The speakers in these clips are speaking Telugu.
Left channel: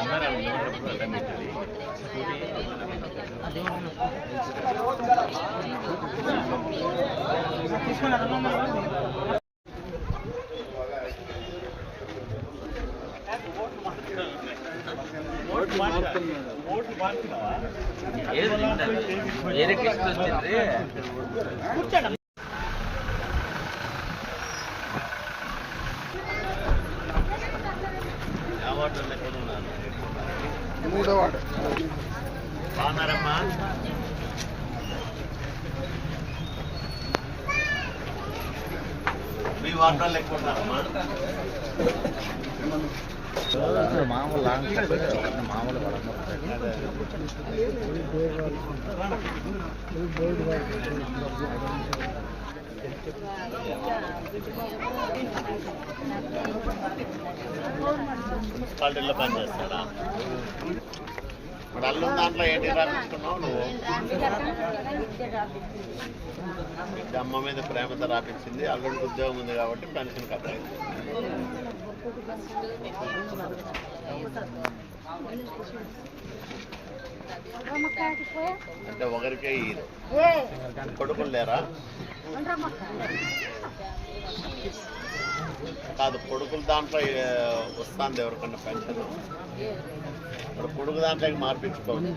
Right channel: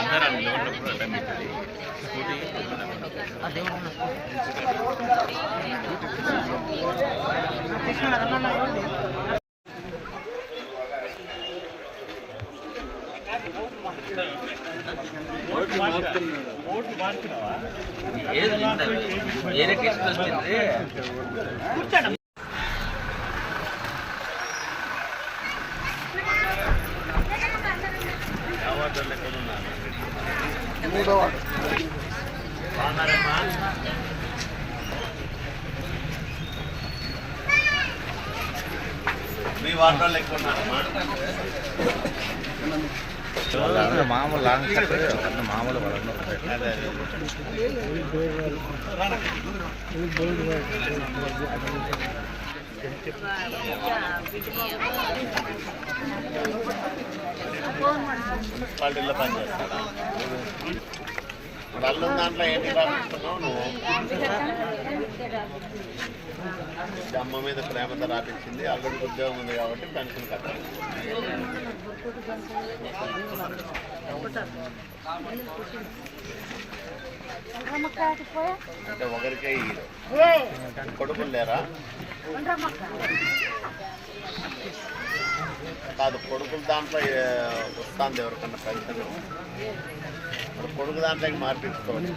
అందరూ నిలబడినప్పుడు అడ్డం పెట్టాలి వేరే కేసు ఎక్కడ ఉన్నారు బాగున్నారమ్మా మీ వార్డులో ఎక్కువ ఉన్నారమ్మా. మామూలు మామూలు అదే. అదే పనిచేస్తాడా పని మరి దాంట్లో ఏంటి రాపించుకున్నావు నువ్వు? అమ్మ మీద ప్రేమతో రాపించింది అల్లుడికి ఉద్యోగం ఉంది కాబట్టి పెన్షన్ కట్టాలి. అంటే ఒకరికే కొడుకులు లేరా? కాదు కొడుకుల దాంట్లో ఏ, వస్తుంది ఎవరికన్నా పెన్షన్ మరి కొడుకు దాంట్లోకి మార్పించుకోవచ్చు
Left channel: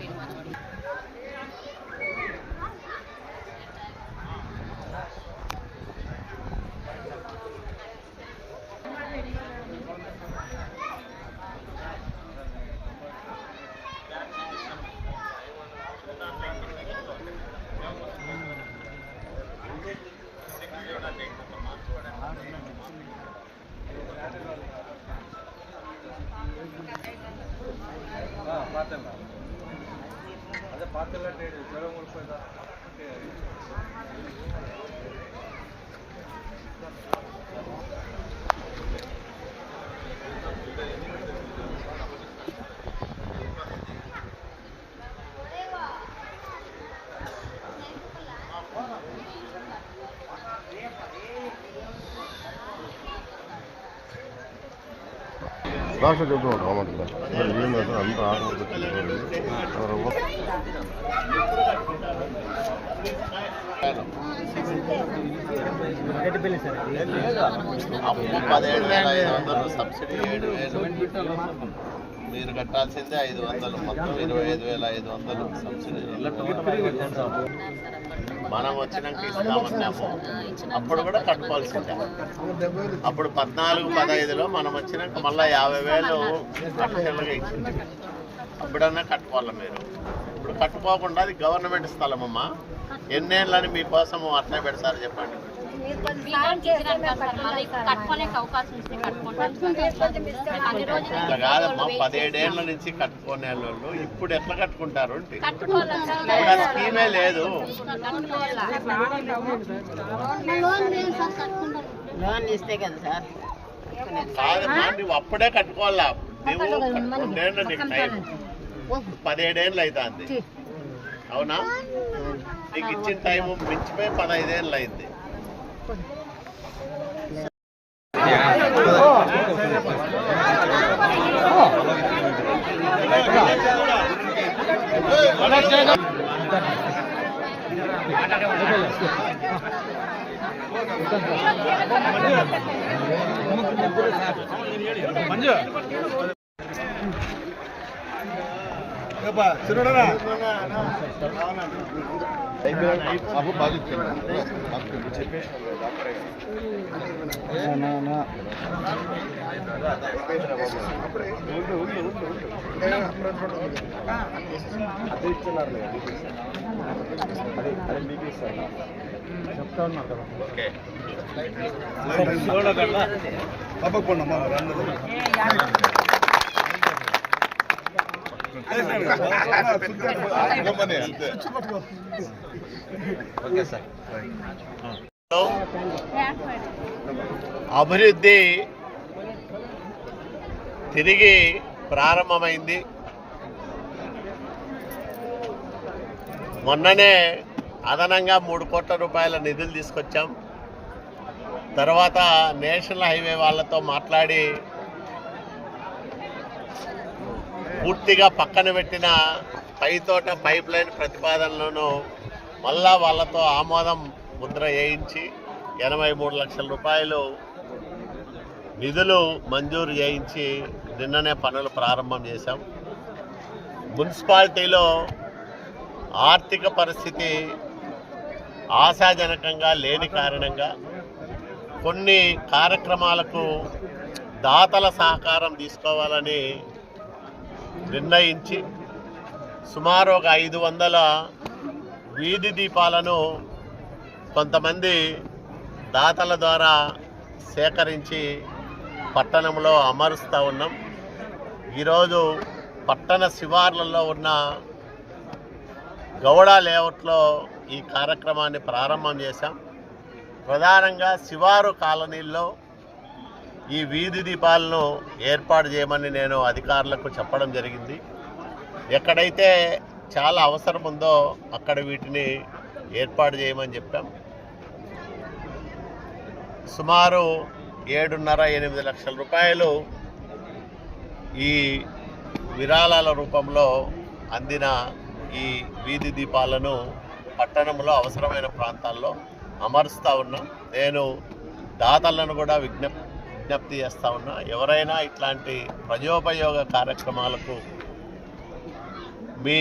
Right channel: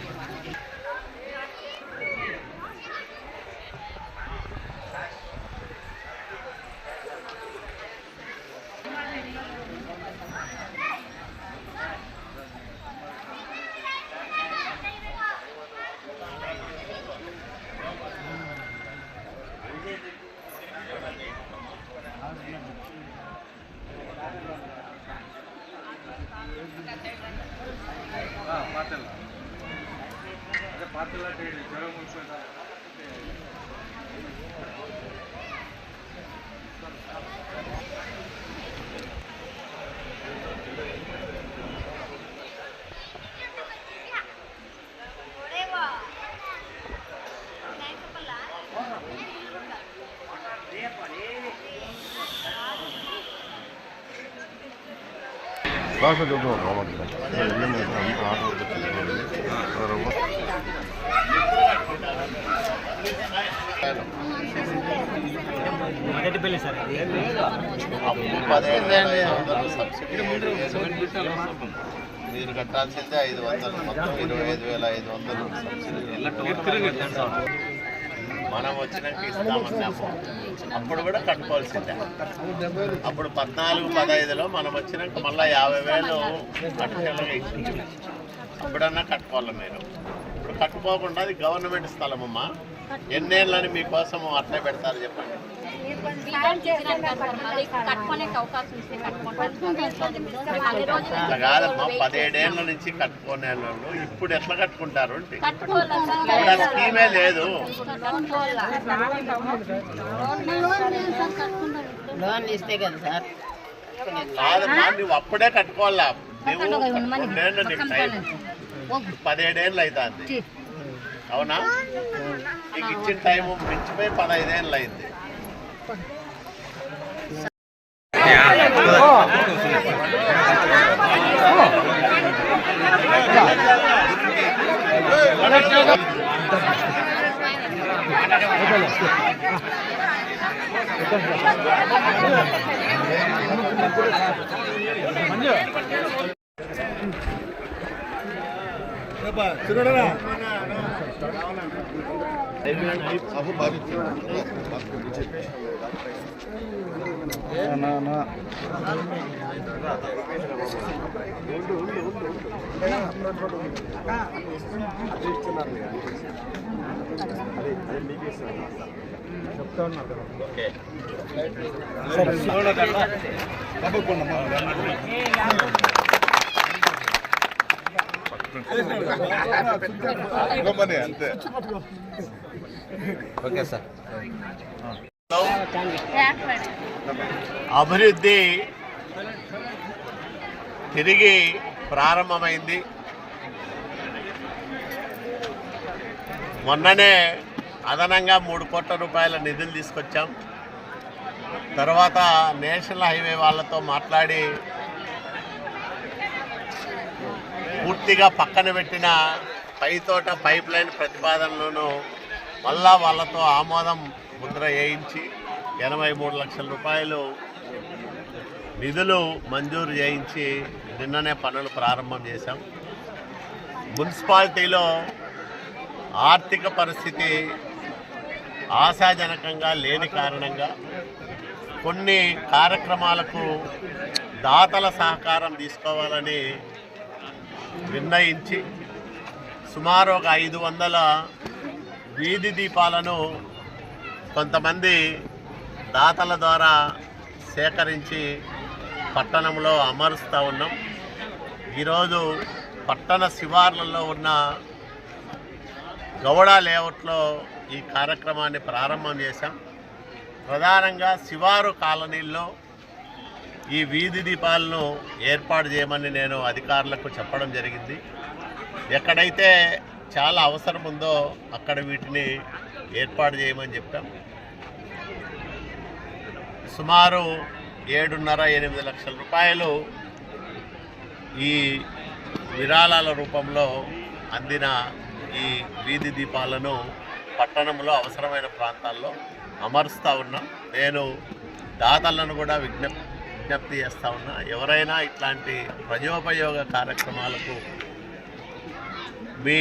Thank you. రామకి ఇల్లు మీద అంత ఆటలు మొదటి పెళ్ళి సార్ అప్పు సబ్సిడీ ఏడు మీరు కట్టాల్సిందే ఐదు వందలు మొత్తం ఇరవై ఐదు వేల ఐదు వందలు సబ్సిడీ మనం వచ్చినాక ఇస్తామన్నాము. అప్పుడు కూడా కట్టుకోవాల్సిందే. అప్పుడు పద్నాలుగు పదహైదులో మనం వచ్చినాక మళ్ళీ యాభై వేలు ఇచ్చింది. అప్పుడన్నా కట్టుకోవాలి మీరు? ఇప్పుడు కట్టుకోకుండా అది గవర్నమెంట్ స్థలం అమ్మా ఎన్నేళ్ళని మీకోసం అట్లా పెడతారు చెప్పండి. కాదమ్మా పదిహేడేళ్ళ నుంచి కట్టుకునే వాళ్ళు ఇప్పుడు ఎట్లా కట్టుకుంటారు స్కీమే లేదు లోన్ ఇస్తే కదా సార్ కాదమ్మా నువ్వు అప్పుడే కట్టుకోవాలా? నువ్వు పదిహేడేళ్ళు అవుతుంది. అవునా? నీకు ఇచ్చిన టైం మించిపోయి పదహైదేళ్ళు అయింది. మంజు ఓకే. అంతే అభివృద్ధి తిరిగి ప్రారంభమైంది. మొన్ననే అదనంగా మూడు కోట్ల రూపాయల నిధులు తీసుకొచ్చాం. తర్వాత నేషనల్ హైవే వాళ్ళతో మాట్లాడి పూర్తిగా పక్కన పెట్టిన పైతోట పైప్ లైన్ ప్రతిపాదనలను మళ్ళా వాళ్ళతో ఆమోదం ముద్ర వేయించి ఎనభై మూడు లక్షల రూపాయలు నిధులు మంజూరు చేయించి నిన్ననే పనులు ప్రారంభం చేశాం. మున్సిపాలిటీలో ఆర్థిక పరిస్థితి ఆశాజనకంగా లేని కారణంగా కొన్ని కార్యక్రమాలకు దాతల సహకారం తీసుకోవాలని నిర్ణయించి సుమారు ఒక ఐదు వందల వీధి దీపాలను కొంతమంది దాతల ద్వారా సేకరించి పట్టణంలో అమరుస్తూ ఉన్నాం. ఈరోజు పట్టణ శివార్లలో ఉన్న గౌడ లేఅవుట్లో ఈ కార్యక్రమాన్ని ప్రారంభం చేశాం. ప్రధానంగా శివారు కాలనీల్లో ఈ వీధి దీపాలను ఏర్పాటు చేయమని నేను అధికారులకు చెప్పడం జరిగింది. ఎక్కడైతే చాలా అవసరం ఉందో అక్కడ వీటిని ఏర్పాటు చేయమని చెప్పాం. సుమారు ఏడున్నర ఎనిమిది లక్షల రూపాయలు ఈ విరాళాల రూపంలో అందిన ఈ వీధి దీపాలను పట్టణంలో అవసరమైన ప్రాంతాల్లో అమరుస్తూ ఉన్నాం. నేను దాతలను కూడా విజ్ఞప్ విజ్ఞప్తి చేస్తూ ఉన్నా ఎవరైనా ఇట్లాంటి ప్రజోపయోగ కార్యక్రమాలకు మీ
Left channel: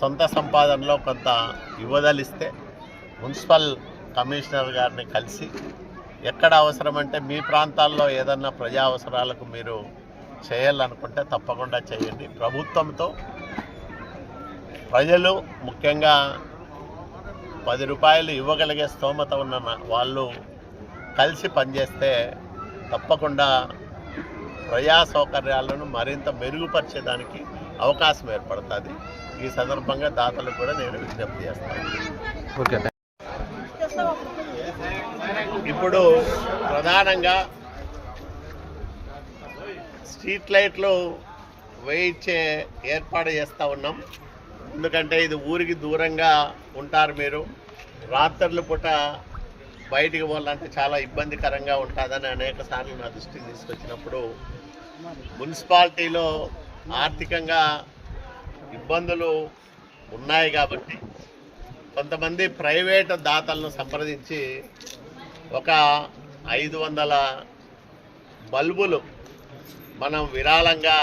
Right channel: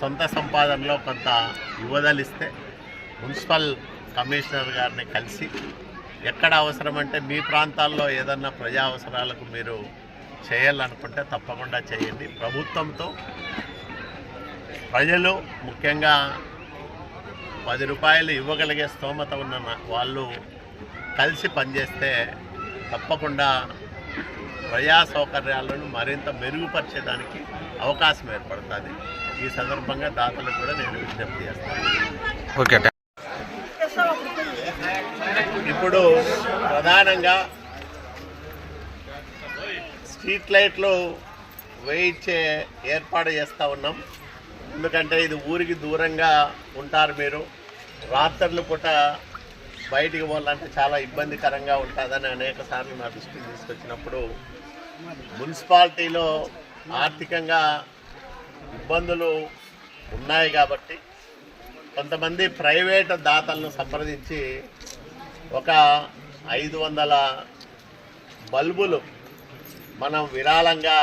సొంత సంపాదనలో కొంత ఇవ్వదలిస్తే మున్సిపల్ కమిషనర్ గారిని కలిసి ఎక్కడ అవసరమంటే మీ ప్రాంతాల్లో ఏదన్నా ప్రజా అవసరాలకు మీరు చేయాలనుకుంటే తప్పకుండా చేయండి. ప్రభుత్వంతో ప్రజలు ముఖ్యంగా పది రూపాయలు ఇవ్వగలిగే స్తోమత ఉన్న వాళ్ళు కలిసి పనిచేస్తే తప్పకుండా ప్రజా సౌకర్యాలను మరింత మెరుగుపరచడానికి అవకాశం ఏర్పడుతుంది. ఈ సందర్భంగా దాతలకు కూడా నేను విజ్ఞప్తి చేస్తాను. ఓకే ఇప్పుడు ప్రధానంగా స్ట్రీట్ లైట్లు వేయించే ఏర్పాటు చేస్తూ ఉన్నాం. ఎందుకంటే ఇది ఊరికి దూరంగా ఉంటారు మీరు. రాత్రుల పూట బయటికి పోవాలంటే చాలా ఇబ్బందికరంగా ఉంటుందని అనేక సార్లు నా దృష్టికి తీసుకొచ్చినప్పుడు మున్సిపాలిటీలో ఆర్థికంగా ఇబ్బందులు ఉన్నాయి కాబట్టి కొంతమంది ప్రైవేట్ దాతలను సంప్రదించి ఒక ఐదు వందల బల్బులు మనం విరాళంగా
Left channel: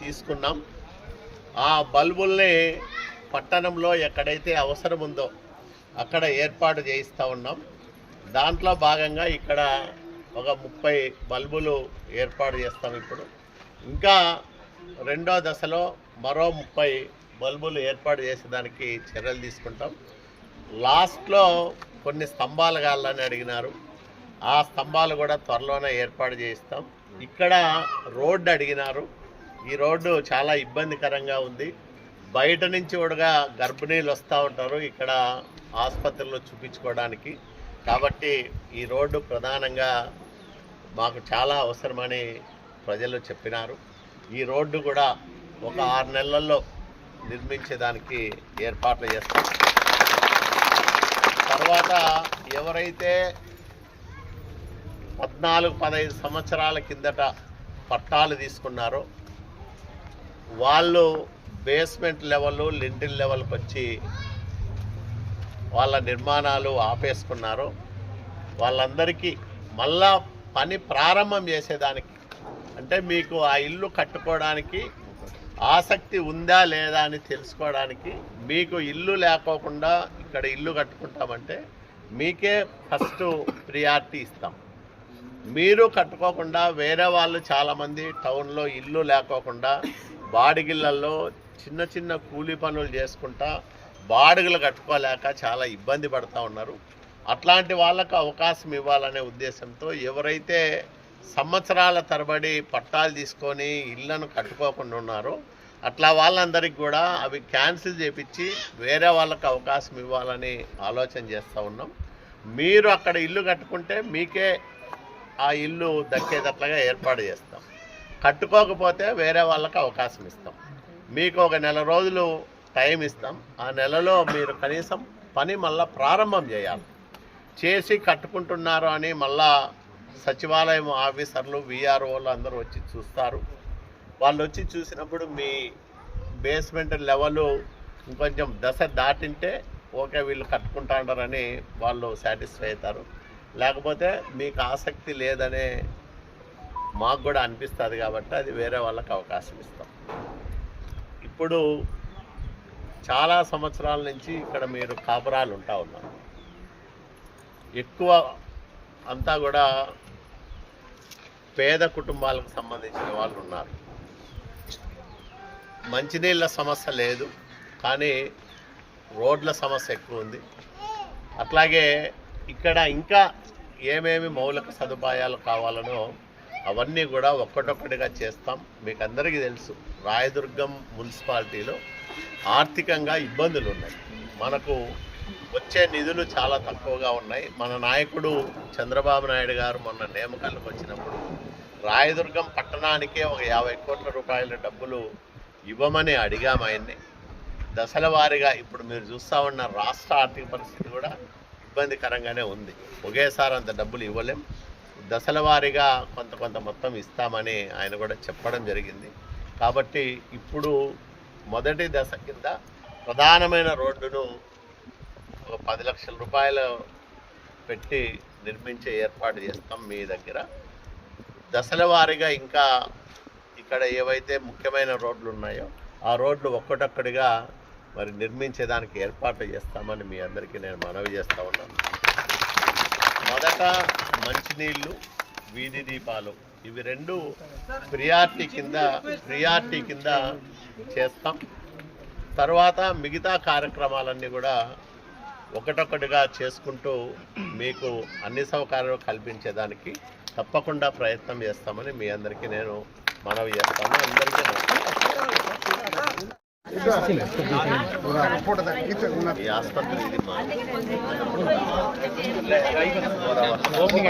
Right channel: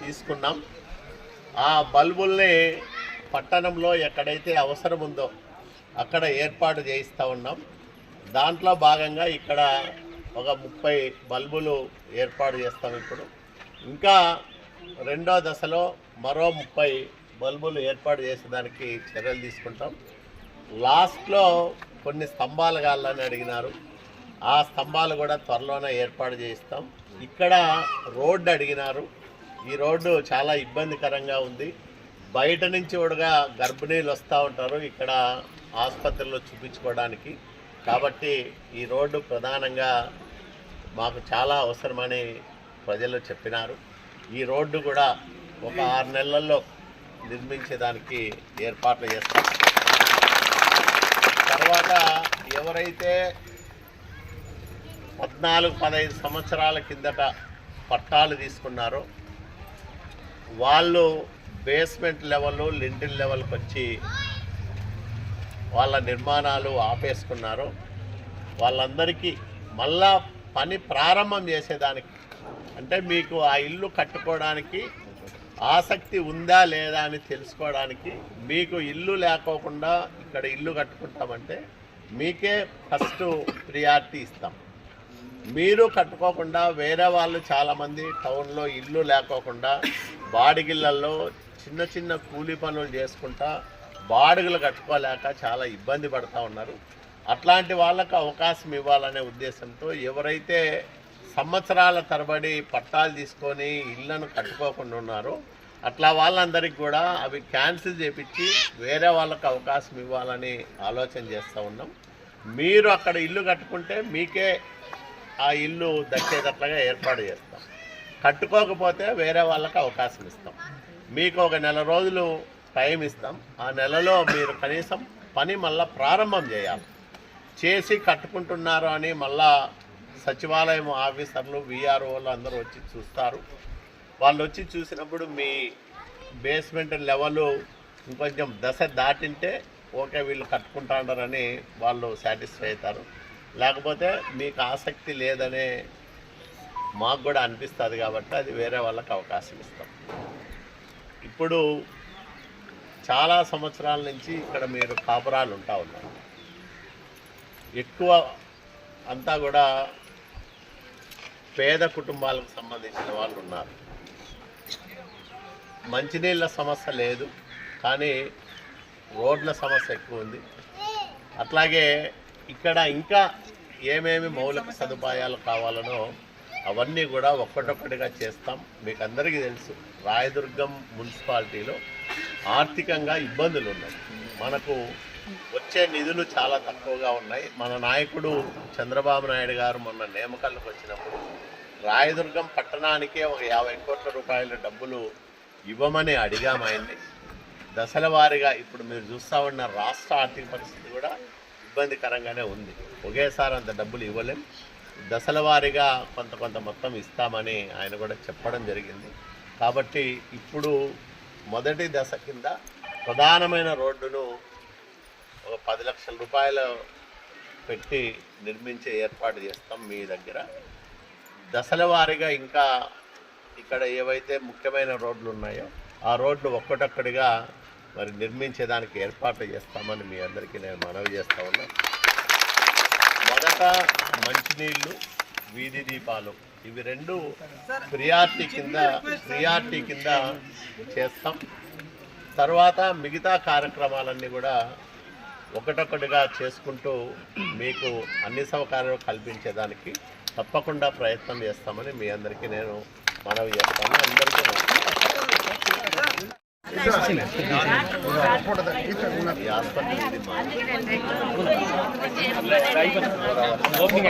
తీసుకున్నాం. ఆ బల్బుల్ని పట్టణంలో ఎక్కడైతే అవసరం ఉందో అక్కడ ఏర్పాటు చేయిస్తూ ఉన్నాం. దాంట్లో భాగంగా ఇక్కడ ఒక ముప్పై బల్బులు ఏర్పాటు చేస్తాం ఇప్పుడు. ఇంకా రెండో దశలో మరో ముప్పై బల్బులు ఏర్పాటు చేసేదానికి చర్యలు తీసుకుంటాం. లాస్ట్లో కొన్ని స్తంభాలు కావాలని అడిగినారు. ఆ స్తంభాలు కూడా త్వరలోనే ఏర్పాటు చేయిస్తాం. ఇక్కడ రోడ్డు అడిగినారు. ఈ రోడ్డు చాలా ఇబ్బందికరంగా ఉంది. బయట నుంచి కూడా గర్భిణీలు వస్తూ ఉంటారు ఇక్కడ ఆసుపత్రిలో చూపించుకోవడానికి. కాబట్టి ఈ రోడ్డు ప్రధానంగా మాకు చాలా అవసరమని ప్రజలు చెప్పినారు. ఈ రోడ్డు కూడా ఒక ఆరు నెలల్లో నిర్మించేదానికి ఏర్పాట్లు చేస్తాం. తర్వాత ఎవరైతే పద్నాలుగు పదహైదు సంవత్సరాల కిందట పట్టాలు తీసుకున్నారో వాళ్ళు బేస్మెంట్ లెవెల్ లింటిల్ లెవెల్కి వచ్చి వాళ్ళ నిర్మాణాలు ఆపేసుకున్నారు. వాళ్ళందరికీ మళ్ళా పని ప్రారంభం చేసేదానికి అంటే మీకు ఆ ఇల్లు కట్టుకోవడానికి ఆసక్తి ఉందా లేదా అని తెలుసుకోవడానికి మీకు ఇల్లు లేకోకుండా ఇక్కడ ఇల్లు కట్టుకుంటామంటే మీకే ఫస్ట్ ప్రియారిటీ ఇస్తాం. మీరు కట్టుకోకుండా వేరే వాళ్ళు చాలామంది టౌన్లో ఇల్లు లేకోకుండా బాడిగిళ్ళల్లో చిన్న చిన్న కూలీ పనులు చేసుకుంటా బాడుగులు కట్టుకోలేక చాలా ఇబ్బంది పడుతూ ఉన్నారు. అట్లాంటి వాళ్ళకు అవకాశం ఇవ్వాలనే ఉద్దేశంతో ఎవరైతే సంవత్సరాల తరబడి పట్టాలు తీసుకొని ఇళ్ళను కట్టుకోకుండా ఉన్నారో అట్లా వాళ్ళందరికీ కూడా అవి క్యాన్సిల్ చేపించి వేరే వాళ్ళకు అవకాశం ఇవ్వాలని ఆలోచన చేస్తూ ఉన్నాం. మీరు అక్కడ ఇల్లు కట్టుకుంటే మీకే ఆ ఇల్లు దక్కేటట్లుగా ఏర్పాటు చేస్తాం. కట్టుకోకపోతే వేరే వాళ్ళకి అవకాశం ఇస్తాం. మీకు ఒక నెల రోజులు టైం ఇస్తాం. ఆ నెలలో మీరు కనీసం పని మళ్ళా ప్రారంభం చేయాలి. చేసి కట్టుకుంటున్నారు అని మళ్ళా సచివాలయం ఆఫీసర్లు విఆర్ఓలు అందరూ వచ్చి చూస్తారు. వాళ్ళు వచ్చి చూసినప్పుడు మీ బేస్మెంట్ లెవెల్ ఇంకొంచెం దశ దాటింటే ఓకే వీళ్ళు కట్టుకుంటారని వాళ్ళు సాటిస్ఫై అవుతారు. లేకపోతే మీకు ఆసక్తి లేదనే మాకు కూడా అనిపిస్తుంది కాబట్టి అది వేరే వాళ్ళకి అవకాశం ఇస్తాం. ఇప్పుడు చాలా సంవత్సరాల నుంచి ఇక్కడ మీరు కాపురాలు ఉంటా ఉన్నారు. ఎక్కువ అంతా కూడా పేద కుటుంబాలకు సంబంధించిన వాళ్ళు ఉన్నారు. మంచినీళ్ళ సమస్య లేదు కానీ రోడ్ల సమస్య ఎక్కువ ఉంది. అట్లాగే ఇక్కడ ఇంకా ఏమేమి మౌలిక సదుపాయాలు కావాలనో అవన్నీ కూడా ఒక్కటొక్కటిగా చేస్తాం. మీకు అందరికీ తెలుసు రాయదుర్గం మున్సిపాలిటీలో ఆర్థికంగా ఇబ్బందులు ఉన్నాయి మనకు వచ్చే నిధులు చాలా తక్కువగా ఉన్నాయి. మన నాయకుడు చంద్రబాబు నాయుడు గారు మొన్న నేమకాలకు వచ్చినప్పుడు రాయదుర్గం పట్టణానికే ఒక యాభై కోట్ల రూపాయల డబ్బులు ఇవ్వమని అడిగాము ఆయన్ని. దశల వారీగా ఇప్పుడు మీరు చూస్తూ ఉన్న రాష్ట్ర ఆర్థిక పరిస్థితి కూడా ఇబ్బందికరంగానే ఉంది. ఒకేసారి అంత డబ్బులు ఇవ్వలేం. దశల వారీగా కొంత కొంత మొత్తం ఇస్తామని ఆయన కూడా చెప్పడం జరిగింది. కాబట్టి ఇప్పుడు మొదటి దశ కింద ప్రధానమైన రోడ్డును ఒక పది లక్షల రూపాయలు పెట్టి నిర్మించే ఏర్పాటు చేస్తాం మీ దగ్గర. దశల వారీగా ఇంకా ఇక్కడ ఏవైతే ముఖ్యమైన రోడ్లు ఉన్నాయో ఆ రోడ్లు ఒక్కటొక్కడిగా మరి నిర్మించేదానికి ఏర్పాట్లు చేస్తామని మీ అందరికీ నేను మనవి చేస్తా ఉన్నాను. మొదట మంచినీళ్ళు వీధి దీపాలు. ఇవి రెండు ప్రియారిటీ కింద ప్రియారిటీ కింద చేస్తాం. తర్వాత మిగతా కార్యక్రమాలన్నీ కూడా ఒకటొకటిగా చేసుకుంటూ మీకు అన్ని సౌకర్యాలు కల్పించేదానికి తప్పకుండా ప్రయత్నం చేస్తామని మీ అందరికీ నేను మనవి చేస్తాను. అందరికీ ఈ ఆసుపత్రి ఇది ఓపెనింగ్